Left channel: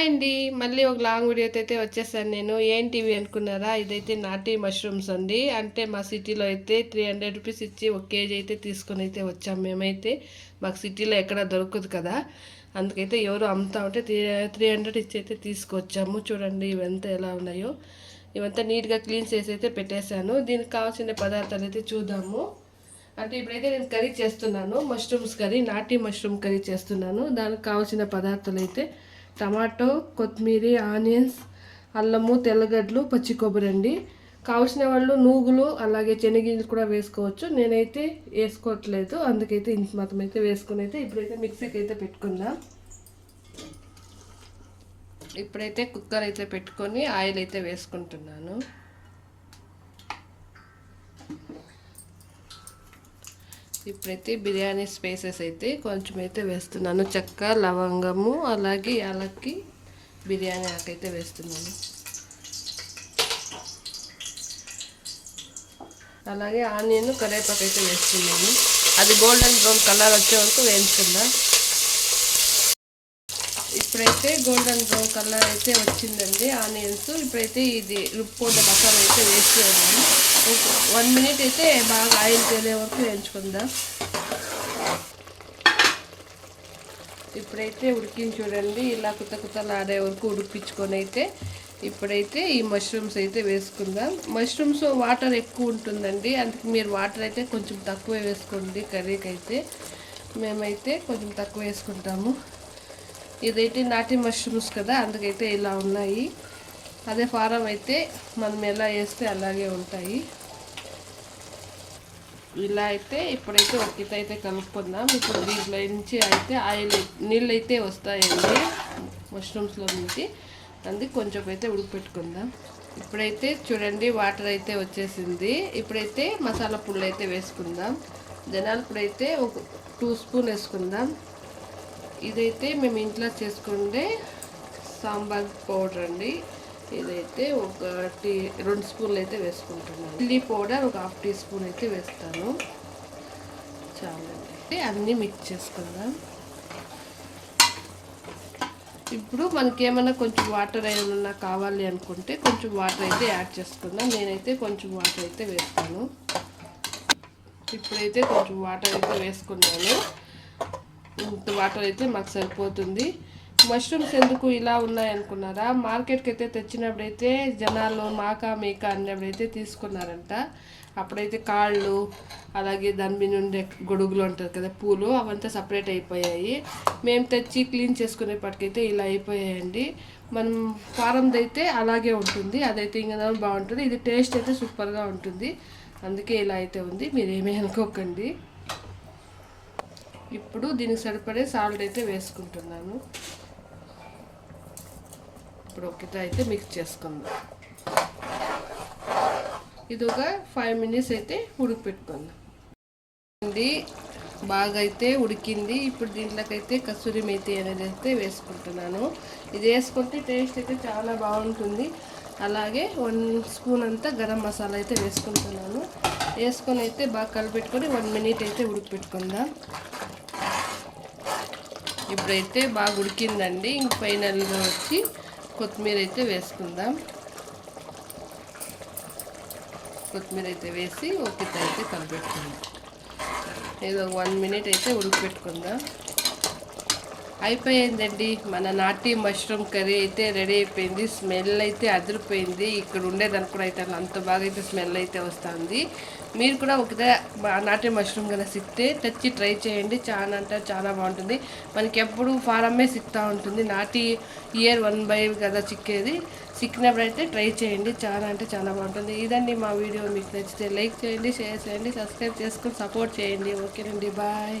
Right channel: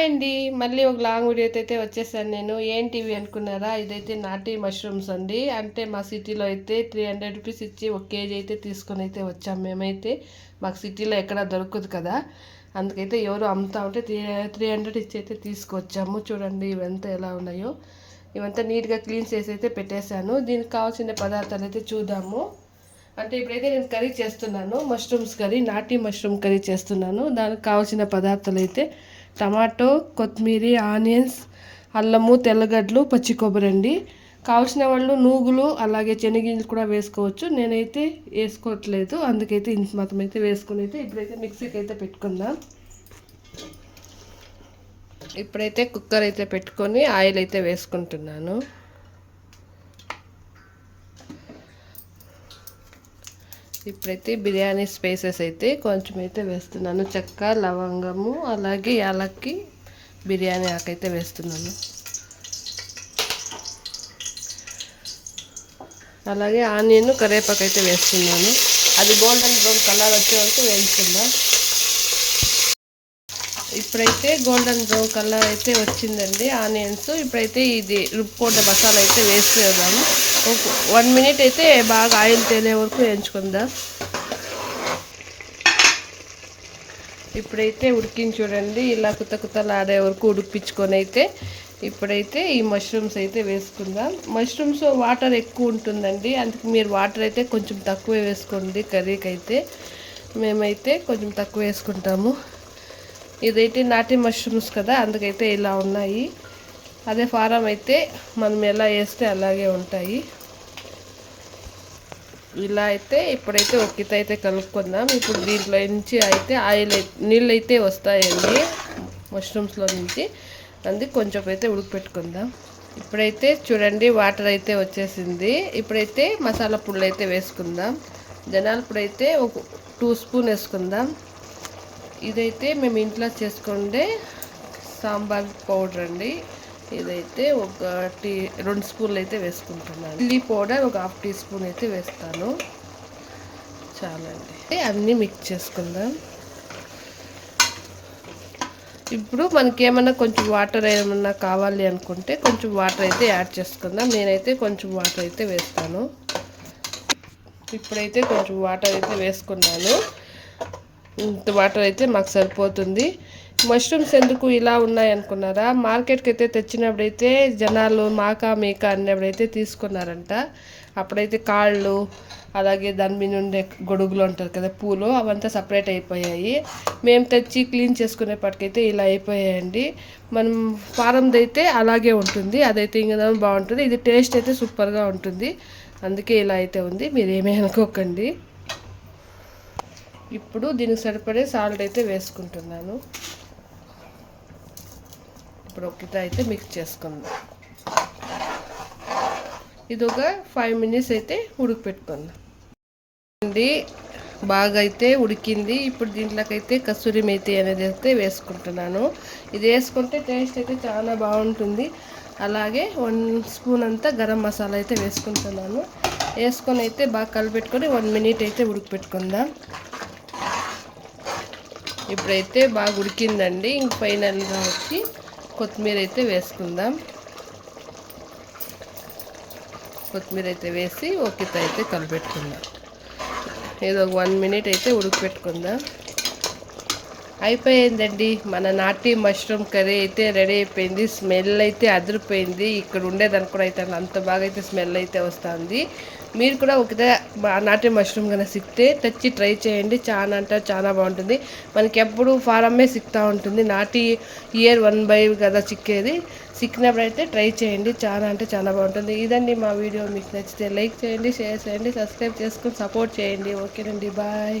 Hi అండి. మళ్ళీ ఒక లాంగ్ వీడియోతో అయితే వచ్చేసాను నేను. ఏంటివి అనుకున్నారా? ఇదైతే నాటి మష్రూమ్స్ అండి. అంటే మా సిటీలో అయితే 300 రూపీస్ ఇచ్చి 1 కేజీ అయితే తీసుకొని అయితే వచ్చాము మేమైతే. మాకు సిటీలో ఎక్కడ దొరకదు కదా, అందుకైతే ఎవరు అమ్ముతా ఉంటే 300 ఇచ్చి అయితే తీసుకొచ్చాము. చూడండి ఇవంతా ఎలా ఉన్నాయో. ఇవంతా నీట్గా క్లీన్ చేసి అయితే పెట్టేశాను. దీనికి కావాల్సిన పదార్థాలు అయితే చూద్దాము. అంటే ఇప్పుడైతే నేను కర్రీ చేస్తున్నాను, మష్రూమ్స్ కర్రీ, నాటి మష్రూమ్ కర్రీ చేస్తున్నాను. దానికి కావాల్సిన పదార్థాలు అయితే టమాటో, కొత్తిమీర, ఆనియన్స్, అల్లము, తెల్లగడ్డలు, పచ్చి కొబ్బరి అండి. కావాల్సిన వాళ్ళు నూగులు అలాగే శనగింజలు కూడా వేసుకోవచ్చు. నేనైతే వేసుకోవట్లేదు, అందుకైతే ఇంత మాత్రం అయితే వేసుకుని అయితే ఇప్పుడైతే మిక్సీకి అయితే పెట్టుకుందాం. ఇప్పుడైతే కుక్కర్ అయితే పెట్టుకొని ఆయిల్ అయితే వేసుకుంటున్నాను. ఇప్పుడైతే బిర్యానీ స్పైసెస్ అయితే కొంచెం అయితే వేస్తున్నాను. చెక్క, లవంగము అలాగే యాలక్కి, బిర్యానీ ఆకైతే వేస్తున్నాను. అలాగే ఆనియన్, కరివేపాకు అయితే వేస్తున్నాను. అది గోల్డెన్ బ్రౌన్ కలర్ వచ్చే వరకు వేయించుకుందాం. ఇప్పుడైతే గోల్డెన్ బ్రౌన్ కలర్ అయితే వచ్చిందండి ఆనియన్స్. ఇప్పుడైతే ఇది రుబ్బుకోండి మసాలా అయితే వేసుకున్నాను. 1 మినిట్ అయితే బాగా ఆయిల్ తేలే వరకు వేయించుకుందాం. ఇప్పుడైతే ఉడికించి చూడండి, ఇలా కుతలాడే వరకు ఉడికించుకొని అయితే ఇప్పుడైతే ఈ మష్రూమ్స్ అయితే వేసుకుందాం. మష్రూమ్స్ వాటర్ ఎక్కువ ఉంటుందండి, అందుకే మీరు వాటర్ అయితే కొంచెం తక్కువ వేసుకోండి కర్రీకి అయితే. మేమైతే కొంచెం తక్కువ వేసుకుంటాము. ఇదైతే నాటి మష్రూమ్స్ కదా, అందుకైతే ఇలా ఉన్నాయి. అదే ఫారం అయితే మనం ఎలా వేస్తే అలాగే ఉంటాయి. ఇలా అయితే ఇప్పుడైతే ఒక్కిత అయితే కలుపుకుందాం. ఇప్పుడు దీంట్లో నుంచి అయితే ఆయిల్ నీళ్ళు అయితే వస్తాయండి మష్రూమ్స్లో నుంచి, అందుకు కొంచెం అయితే ఉడకపెట్టుకుందాం. ఇప్పుడైతే చూడండి వాటర్ అయితే వచ్చేసింది. ఇప్పుడైతే మసాలా పొడులు అయితే వేసుకుందాం. ధనియాల పొడి అయితే ఒక 2 స్పూన్ వేసుకుందాం. ఇదైతే మేము ఇంట్లో చేసుకుంటే సాంబార్ పౌడర్ అండి. ఇదైతే 2 స్పూన్లు అయితే వేసుకుంటున్నాను. చిల్లీ పౌడర్ ఒక 1/2 టీ స్పూన్ అయితే వేస్తాను. చాలండి. అన్నీ మిక్స్ చేసుకుందాం. ఇప్పుడు మనకి ఏమన్నా కొంచెం వాటర్ ఏమన్నా కావాలి అనుకుంటే కొంచెం వాటర్ అయితే యాడ్ చేసుకుందాం. నేనైతే కొంచెం వాటర్ అయితే వేస్తాను. ఇప్పుడైతే కొంచెం వాటర్ అయితే వేసుకున్నాను. ఇంత వాటర్ అయితే మాకు సరిపోతుంది. మష్రూమ్స్ ఎందుకు ఇలా ఉన్నాయి అనుకున్నారా? మార్కెట్కి అయితే తెచ్చినప్పుడైతే జనాలు మాకా మీకా అన్నప్పుడైతే తీసుకున్నారంట. అప్పుడైతే కాళ్ళు అలాగే దాని మీద ఉండే గొడుగులు ఉంటారు కదా, పూలు, అవంతా సపరేట్ అయిపోయాయి. మేము తెచ్చి క్లీన్ చేసుకునేపటికైతే ఇలా అయిపోయాయండి. మనం ఫారంది అయితే అలాగే ఉంటుంది, అదైతే ఇంకా బాగుంటుంది. ఇది టేస్ట్ అయితే సూపర్గా ఉంటుంది, అందుకే ఇలా అయితే ఉంది. మీరు ఏమీ అనుకోకండి. ఇప్పుడు దీనికి సరిపడే సాల్ట్ అయితే వేసుకుంటున్నాను. ఇప్పుడు ఒకటి అయితే మిక్స్ చేసుకుందాం. ఇది ఒక 5 మినిట్స్ అయితే ఉడికిపెట్టుకుందాం అండి. బాగా అయితే ఉడికింది. ఇప్పుడు దీంట్లోకి అయితే కస్తూరి మేతి అనేది అయితే వేసుకుంటున్నాను. ఇది వేసుకుంటే టేస్ట్ అయితే చాలా బాగుంటుంది. అలాగే 1 స్పూన్ అంతా గరం మసాలా అయితే వేసుకుంటున్నాను. వేసుకొని అయితే బాగా కలిపెట్టుకొని 1 మినిట్ అయితే ఉడికిపెట్టుకుందాం. ఇప్పుడైతే బాగా ఉడికిందండి. ఇంక ఫైనల్గా వచ్చి కొత్తిమీర అయితే వేసుకుందాం. కొత్తిమీర అయితే వేసి ఒక్కిత అయితే కలిపెట్టుకుందాం. ఏదో 1 మినిట్ అయితే ఉడికిపెట్టుకుందాం. అయిపోయిందండి, మన నాటి మష్రూమ్ కర్రీ అయితే రెడీ అయిపోయింది. స్మెల్ అయితే అదిరిపోయింది. ఇక్కడ ఉండేదానికి కూడా అయితే అంత బాగా అయితే స్మెల్ అయితే వస్తుంది. మీరు కూడా ఒకటే నాటి మష్రూమ్ కన్నా సిక్తే తెచ్చి ట్రై చేయండి. చాలా అంటే చాలా బాగుంటుంది. మనకి ఎప్పుడు ఫారమే సిక్తా ఉంటుంది. నాటి ఇయర్ 1 బై కదా చిక్కేది. చిక్కినప్పుడు అయితే ట్రై చేయండి, చాలా అంటే చాలా బాగుంటుంది. ఇదండి మా వీడియో. మీకు నచ్చితే లైక్ చేయండి, షేర్ చేయండి, సబ్స్క్రైబ్ చేసుకొని సపోర్ట్ చేయండి. ఓకేనండి, బాయ్.